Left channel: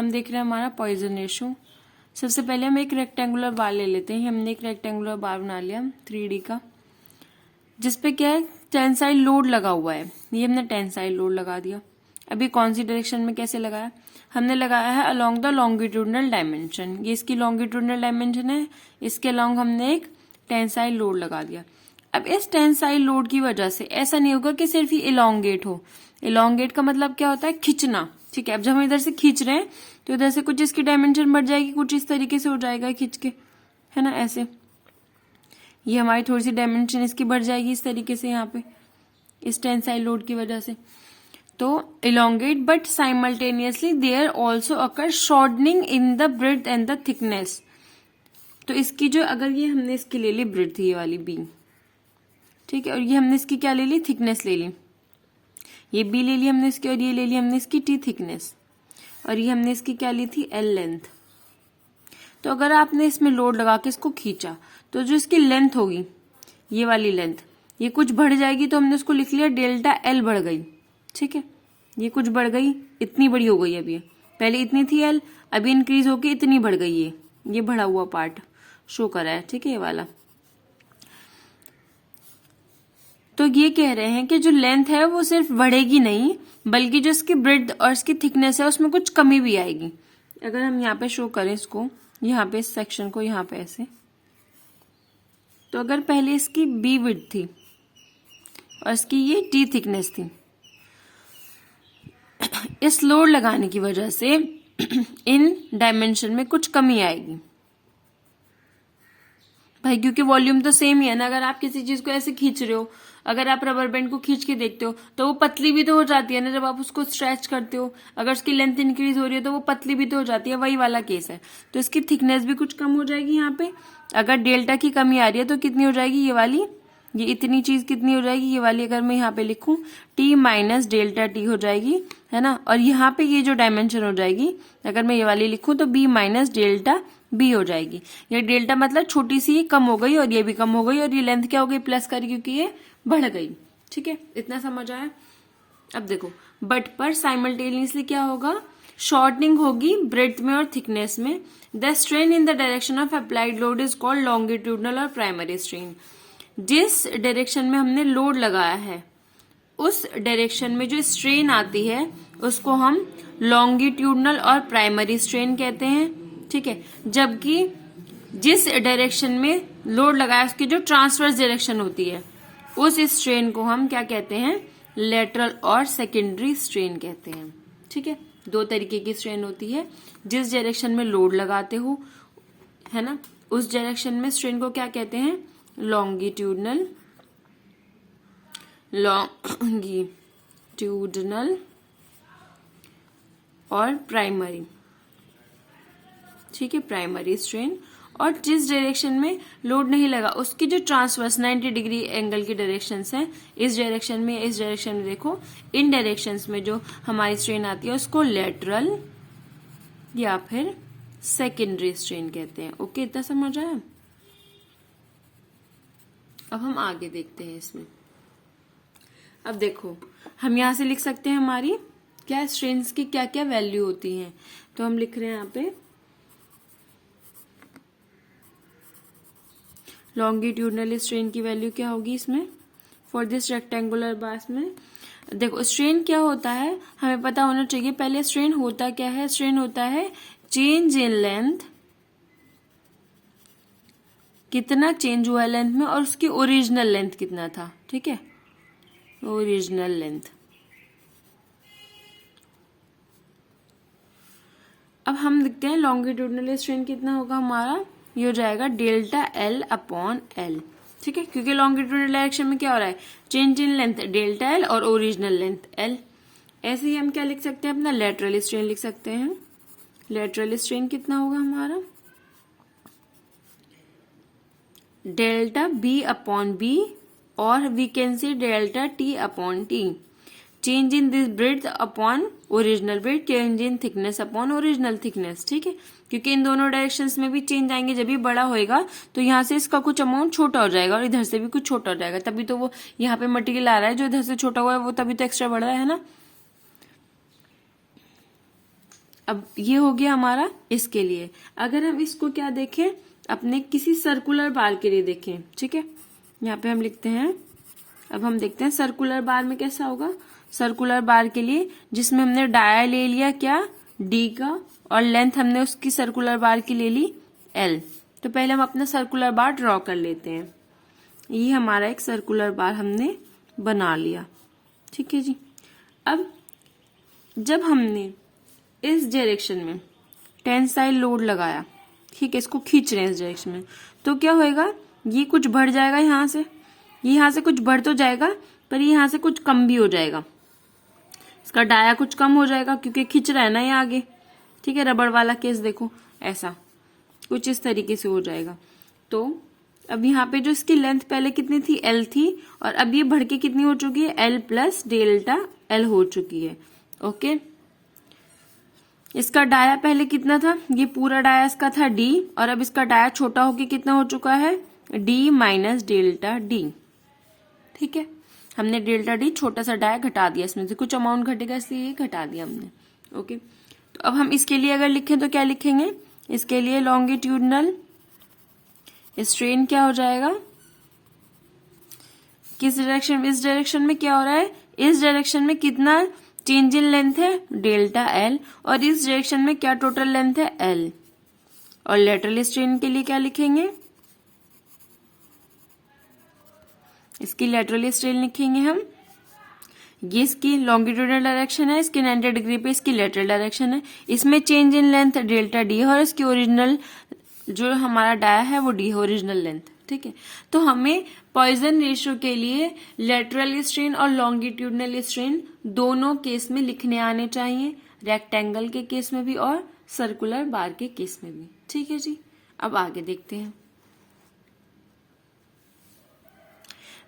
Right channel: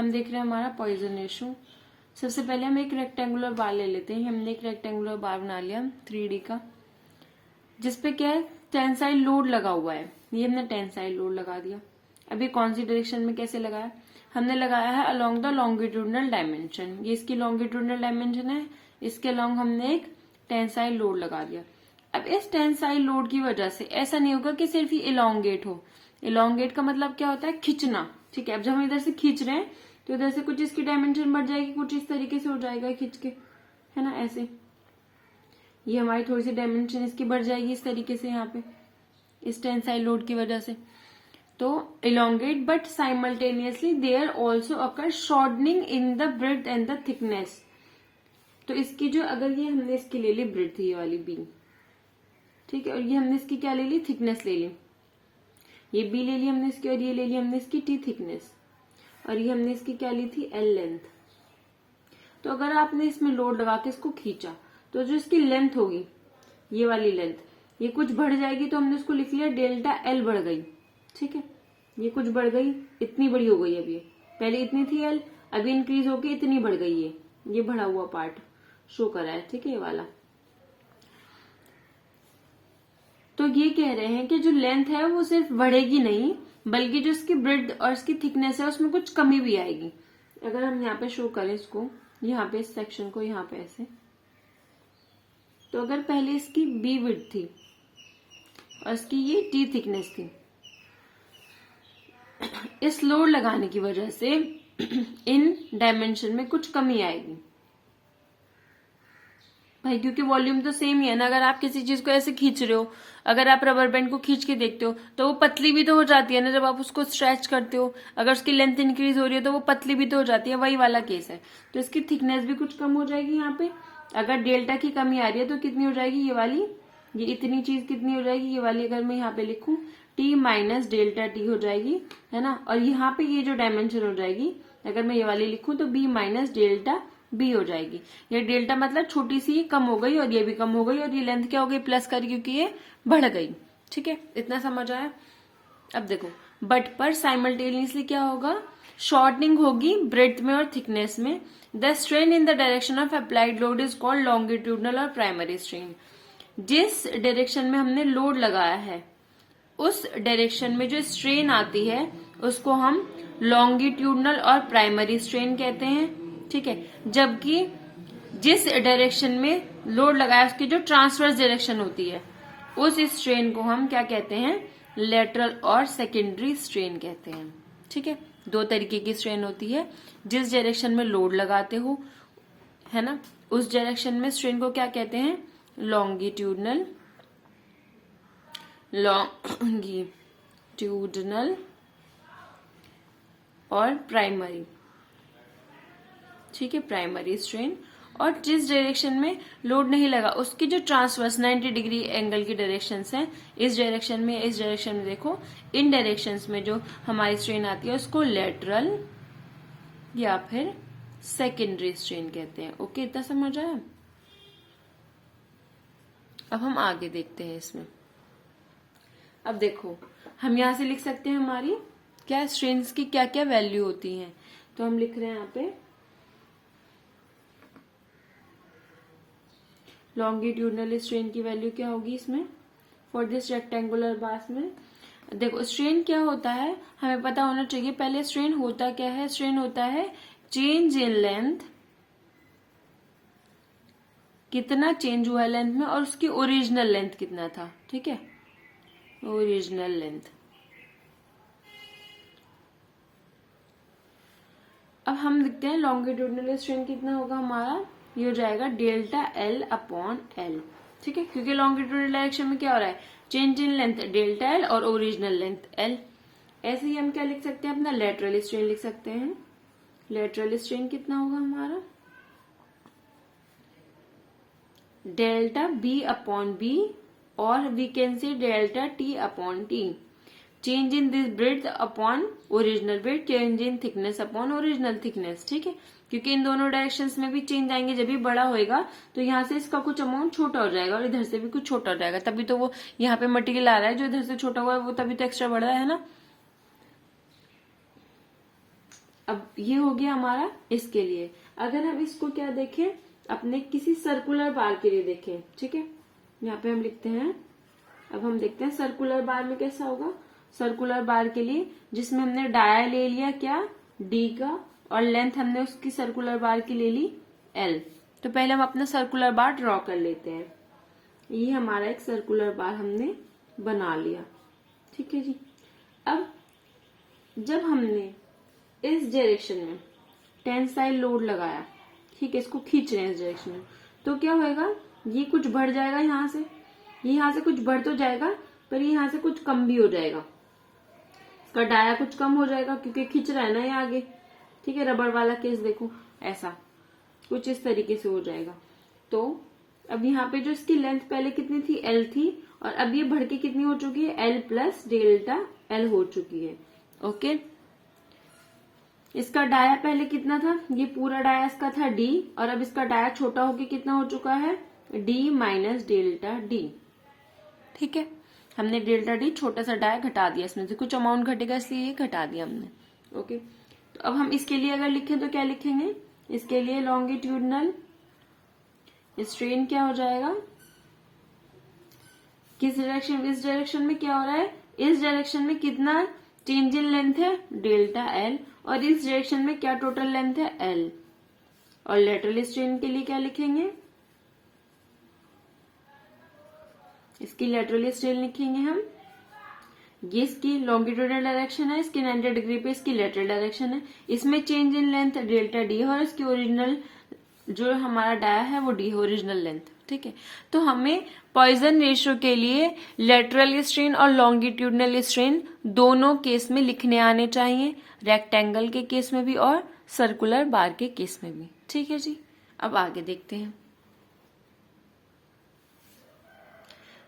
हम देख रहे हैं हमारा पॉइजन रेशो। सबसे पहले हम एक रेक्टेंगुलर बार ले लेते हैं। हमने एक रेक्टेंगुलर बार बना लिया 3D का, जिसपे क्या है टेंसाइल लोड लगा हुआ है। ये हमने टेंसाइल लोड लगा दिया। अभी कौन सी डायरेक्शन में कैसे लगाया, हमने लगाया है अलोंग द लॉन्गिट्यूडनल डायमेंशन। ये इसकी लॉन्गिट्यूडनल डायमेंशन है, इसके अलोंग हमने एक टेंसाइल लोड लगा दिया। अब इस टेंसाइल लोड की वजह से ऐसा नहीं होगा कि सिर्फ ही इलोंगेट हो। इलोंगेट का मतलब क्या होता है, खींचना। ठीक है, अब जब हम इधर से खींच रहे हैं तो इधर से कुछ इसकी डायमेंशन बढ़ जाएगी, कुछ इस तरीके से हो जाएगा खींच के, है ना, ऐसे। ये हमारी थोड़ी सी डायमेंशन इसकी बढ़ जाएगी इस तरीके से यहाँ पे, इस टेंसाइल लोड की वजह से। तो elongate but simultaneously there also occur shortening in the breadth and the thickness. तो इसकी जो, अगर ये हमने इसकी ले ली ब्रेड्थ, ये वाली बी, ठीक है, और ये हमने इसकी क्या ले ली, थिकनेस ले ली। ये बी ले ली हमने इसकी, और ये ले ली हमने इसकी टी थिकनेस, और ये हमने इसकी क्या ली थी, एल लेंथ। तो अगर आपने इसमें लोड लगा के इसको खींचा तो जो इसकी लेंथ होगी, ये वाली लेंथ, ये कुछ बढ़ जाएगी। तो हमने उसको लिख लिया डेल्टा एल बढ़ गई। ठीक है, ये कुछ बढ़ गई, इतनी बड़ी हो गई। अभी पहले इतनी थी एल, अभी इंक्रीज होके इतनी बढ़ गई। ये बढ़ा हुआ पार्ट शो करा है, ठीक है, ये वाला। तो ये कह रहे हैं कि जो लेंथ है वो सिर्फ बढ़ेगी नहीं, बल्कि जो इसकी ब्रेड्थ और इसकी थिकनेस है उसमें कुछ कमी भी आएगी। अगर हम यहाँ पे शो करें इसको, यहाँ पे इस सेक्शन को यहाँ पे ऐसे, तो अगर पहले इसकी बी विड्थ थी और इसकी ये टी थिकनेस थी, इस लोड लगाने की वजह से इन डायमेंशन में कुछ कमी आएगी भाई, क्योंकि वॉल्यूम तो सेम ही है ना। अगर आप किसी चीज को ऐसे खींच रहे हो, अगर आप रबर बैंड को खींच के देखते हो तो वो पतली भी तो हो जाती है ना जब आप उसको स्ट्रेच करते हो। अगर उसकी लेंथ इंक्रीज हो रही है तो वो पतली भी तो हो जाती है, वही वाला केस है। तो इसकी थिकनेस भी कुछ कम हो जाएगी यहाँ पे। अगर डेल्टा की कमी आ रही है तो कितनी हो जाएगी, ये वाली, ये इतनी चीज कितनी हो जाएगी, ये वाली अगर मैं यहाँ पे लिखूं टी माइनस डेल्टा टी हो जाएगी, है ना। और यहाँ पे ये जो डायमेंशन हो जाएगी, अगर मैं ये वाली लिखूं तो बी माइनस डेल्टा बी हो जाएगी। ये डेल्टा मतलब छोटी सी कम हो गई और ये भी कम हो गई, और ये लेंथ क्या हो गई, प्लस कर, क्योंकि ये बढ़ गई। ठीक है, इतना समझ आया। अब देखो, बट पर साइमल्टेनियसली क्या होगा, शॉर्टनिंग होगी ब्रेड्थ में और थिकनेस में। The strain in the direction of applied load is called longitudinal और प्राइमरी स्ट्रेन। जिस डायरेक्शन में हमने लोड लगाया है उस डायरेक्शन में जो स्ट्रेन आती है उसको हम लॉन्गिट्यूडनल और प्राइमरी स्ट्रेन कहते हैं। ठीक है, जबकि जिस डायरेक्शन में लोड लगाया उसकी जो ट्रांसवर्स डायरेक्शन होती है उस स्ट्रेन को हम क्या कहते हैं, लेटरल और सेकेंडरी स्ट्रेन कहते हैं। ठीक है, दो तरीके की स्ट्रेन होती है। जिस डायरेक्शन में लोड लगाते हो, है ना, उस डायरेक्शन में स्ट्रेन को क्या कहते हैं, लॉन्गिट्यूडनल और प्राइमरी। ठीक है, प्राइमरी स्ट्रेन। और जिस डायरेक्शन में लोड नहीं लगा उसकी जो ट्रांसवर्स 90 डिग्री एंगल की डायरेक्शन है, इस डायरेक्शन में, इस डायरेक्शन में, देखो इन डायरेक्शंस में जो हमारी स्ट्रेन आती है उसको लेटरल या फिर सेकेंडरी स्ट्रेन कहते हैं। ओके, इतना समझ आया। अब हम आगे देखते हैं इसमें। अब देखो, हम यहां से लिख सकते हैं हमारी क्या स्ट्रेन्स की क्या क्या वैल्यू होती है। तो हम लिख रहे हैं यहाँ पे लॉन्गिट्यूडनल स्ट्रेन की वैल्यू क्या होगी इसमें, फॉर दिस रेक्टेंगुलर बार में। देखो, स्ट्रेन क्या होता है हमें पता होना चाहिए। पहले स्ट्रेन होता क्या है, स्ट्रेन होता है चेंज इन लेंथ, कितना चेंज हुआ लेंथ में, और उसकी ओरिजिनल लेंथ कितना था। ठीक है, ओरिजिनल लेंथ। अब हम लिखते हैं लॉन्गिट्यूडनल स्ट्रेन कितना होगा हमारा, ये हो जाएगा डेल्टा एल अपॉन एल। ठीक है, क्योंकि लॉन्गिट्यूडनल डायरेक्शन में क्या हो रहा है, change in length delta L और ओरिजिनल लेंथ एल। ऐसे ही हम क्या लिख सकते हैं, अपना लेटरल स्ट्रेन लिख सकते हैं। लेटरल स्ट्रेन कितना होगा हमारा, डेल्टा बी अपॉन बी, और we can say delta T upon T. Change in this breadth upon original breadth, change in thickness upon original thickness. ठीक है, क्योंकि इन दोनों डायरेक्शंस में भी चेंज आएंगे। जब भी बड़ा होएगा तो यहाँ से इसका कुछ अमाउंट छोटा हो जाएगा और इधर से भी कुछ छोटा हो जाएगा, तभी तो वो यहाँ पे मटेरियल आ रहा है जो इधर से छोटा हुआ है वो तभी तो एक्स्ट्रा बढ़ रहा है ना। अब ये हो गया हमारा इसके लिए। अगर हम इसको क्या देखें, अपने किसी सर्कुलर बार के लिए देखें, ठीक है, यहाँ पे हम लिखते हैं। अब हम देखते हैं सर्कुलर बार में कैसा होगा। सर्कुलर बार के लिए जिसमें हमने डाया ले लिया क्या, डी का, और लेंथ हमने उसकी सर्कुलर बार की ले ली एल। तो पहले हम अपना सर्कुलर बार ड्रॉ कर लेते हैं। ये हमारा एक सर्कुलर बार हमने बना लिया, ठीक है जी। अब जब हमने इस डायरेक्शन में टेंसाइल लोड लगाया, ठीक है, इसको खींच रहे हैं इस डायरेक्शन में, तो क्या होएगा, ये कुछ बढ़ जाएगा यहाँ से, ये यहाँ से कुछ बढ़ तो जाएगा, पर ये यहाँ से कुछ कम भी हो जाएगा। इसका डाया कुछ कम हो जाएगा क्योंकि खींच रहा है ना ये आगे, ठीक है। रबड़ वाला केस देखो, ऐसा कुछ इस तरीके से हो जाएगा। तो अब यहाँ पे जो इसकी लेंथ पहले कितनी थी, एल थी, और अब ये बढ़ के कितनी हो चुकी है, एल प्लस डेल्टा एल हो चुकी है। ओके, इसका डाया पहले कितना था, ये पूरा डाया इसका था डी, और अब इसका डाया छोटा होके कितना हो चुका है, डी माइनस डेल्टा डी, ठीक है। हमने डेल्टा डी छोटा सा डाया घटा दिया, इसमें से कुछ अमाउंट घटेगा इसलिए ये घटा दिया हमने। ओके, तो अब हम इसके लिए अगर लिखें तो क्या लिखेंगे, इसके लिए लॉन्गिट्यूडनल स्ट्रेन क्या हो जाएगा, किस डायरेक्शन, इस डायरेक्शन में क्या हो रहा है, इस डायरेक्शन में कितना चेंज इन लेंथ है, डेल्टा एल, और इस डायरेक्शन में क्या टोटल लेंथ है, एल। और लेटरल स्ट्रेन के लिए क्या लिखेंगे, इसकी लेटरल स्ट्रेन लिखेंगे हम, ये इसकी लॉन्गिट्यूडनल डायरेक्शन है, इसके 90 डिग्री पे इसकी लेटरल डायरेक्शन है, इसमें change in length delta D है, और इसकी ओरिजिनल जो हमारा डाया है वो डी है, ओरिजिनल लेंथ, ठीक है। तो हमें पॉइजन रेशियो के लिए लेटरल स्ट्रेन और लॉन्गिट्यूडनल स्ट्रेन दोनों केस में लिखने आने चाहिए, रेक्टेंगल के केस में भी और सर्कुलर बार के केस में भी, ठीक है जी। अब आगे देखते हैं।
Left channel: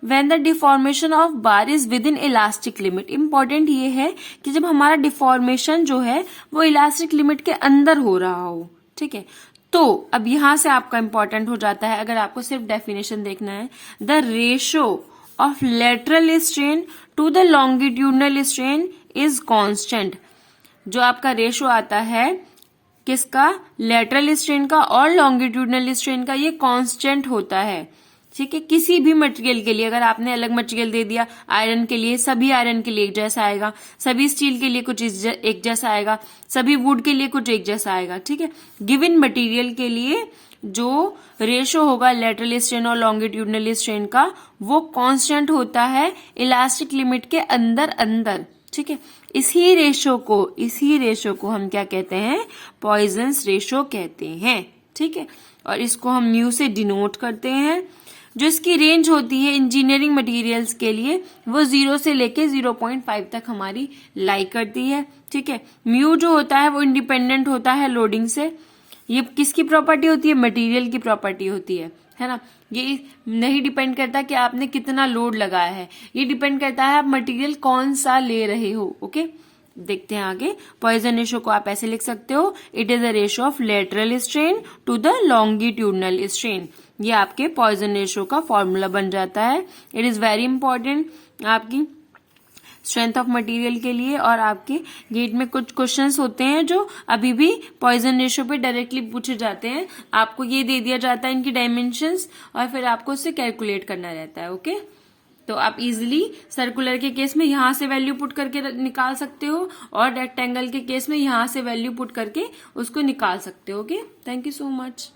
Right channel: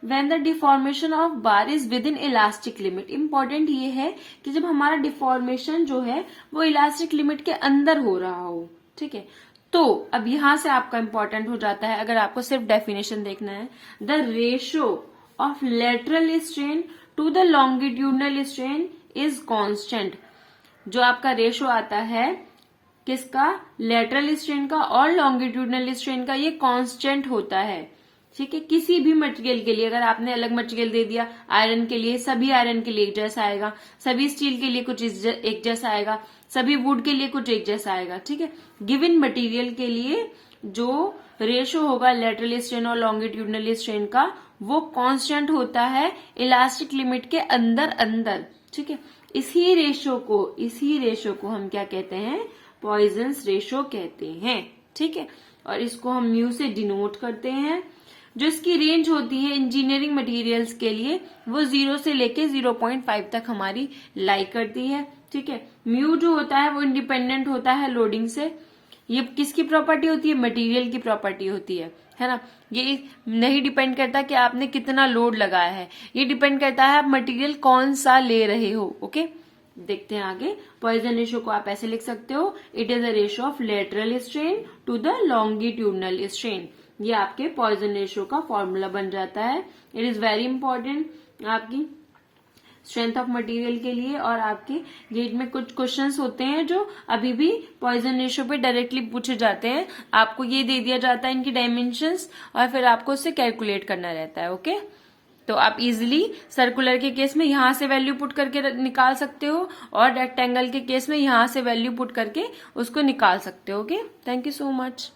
When the deformation of bar is within elastic limit, important ये है कि जब हमारा डिफॉर्मेशन जो है वो इलास्टिक लिमिट के अंदर हो रहा हो, ठीक है। तो अब यहां से आपका इंपॉर्टेंट हो जाता है, अगर आपको सिर्फ डेफिनेशन देखना है, the ratio of lateral strain to the longitudinal strain is constant. जो आपका रेशियो आता है किसका, लेटरल स्ट्रेन का और लॉन्गिट्यूडनल स्ट्रेन का, ये कांस्टेंट होता है, ठीक है। किसी भी मटेरियल के लिए अगर आपने अलग मटेरियल दे दिया, आयरन के लिए सभी आयरन के लिए एक जैसा आएगा, सभी स्टील के लिए कुछ एक जैसा आएगा, सभी वुड के लिए कुछ एक जैसा आएगा, ठीक है। गिवन मटेरियल के लिए जो रेशो होगा लेटरल स्ट्रेन और लॉन्गिट्यूडनल स्ट्रेन का, वो कांस्टेंट होता है इलास्टिक लिमिट के अंदर अंदर, ठीक है। इसी रेशो को हम क्या कहते हैं, पॉइजन्स रेशो कहते हैं, ठीक है। और इसको हम म्यू से डिनोट करते हैं। जो इसकी रेंज होती है इंजीनियरिंग मटेरियल्स के लिए वो 0 से लेके 0.5 तक हमारी लाई करती है, ठीक है। म्यू जो होता है वो इंडिपेंडेंट होता है लोडिंग से। ये किसकी प्रॉपर्टी होती है, मटेरियल की प्रॉपर्टी होती है ना। ये नहीं डिपेंड करता कि आपने कितना लोड लगाया है, ये डिपेंड करता है आप मटेरियल कौन सा ले रहे हो। ओके, देखते हैं आगे। पॉइजन रेशो को आप ऐसे लिख सकते हो, it is a ratio of lateral strain to the longitudinal strain. ये आपके पॉइजन रेशो का फॉर्मूला बन जाता है। इट इज वेरी इंपॉर्टेंट आपकी स्ट्रेंथ ऑफ मटेरियल के लिए। और आपके गेट में कुछ क्वेश्चंस होते हैं जो अभी भी पॉइजन रेशो पे डायरेक्टली पूछे जाते हैं। आपको ये दे दिया जाता है इनकी डायमेंशंस और फिर आपको उससे कैलकुलेट करना रहता है। ओके, तो आप इजीली सर्कुलर के केस में यहां से वैल्यू पुट करके निकाल सकते हो और रेक्टेंगल के केस में यहां से वैल्यू पुट करके उसको निकाल सकते हो। Okay, thank you so much.